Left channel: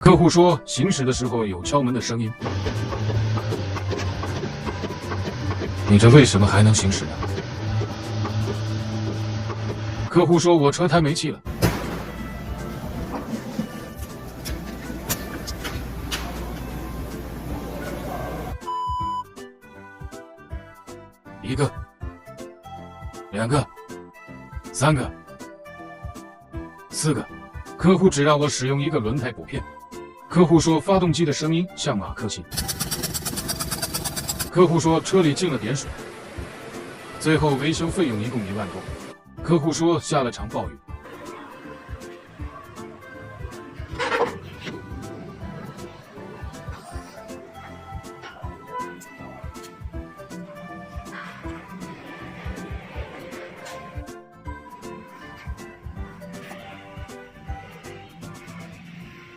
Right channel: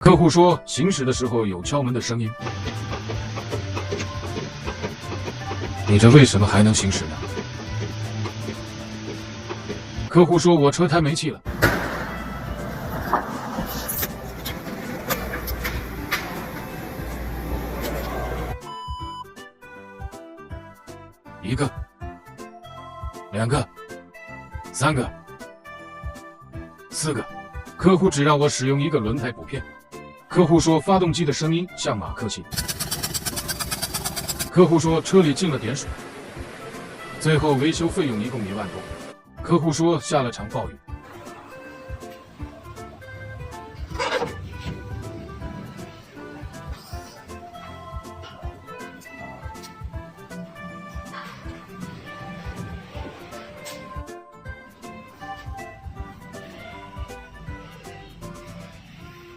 客户说行驶的时候有敲门的声音。你这为什么还能行驶呢？客户说我车胎没气了。一个、两个、三个、四个，客户只让我使用一个轮胎补片。客户说发动机的声音像马克沏。客户说车里进了点水。最后维修费用一共1万多。客户说下了场暴雨。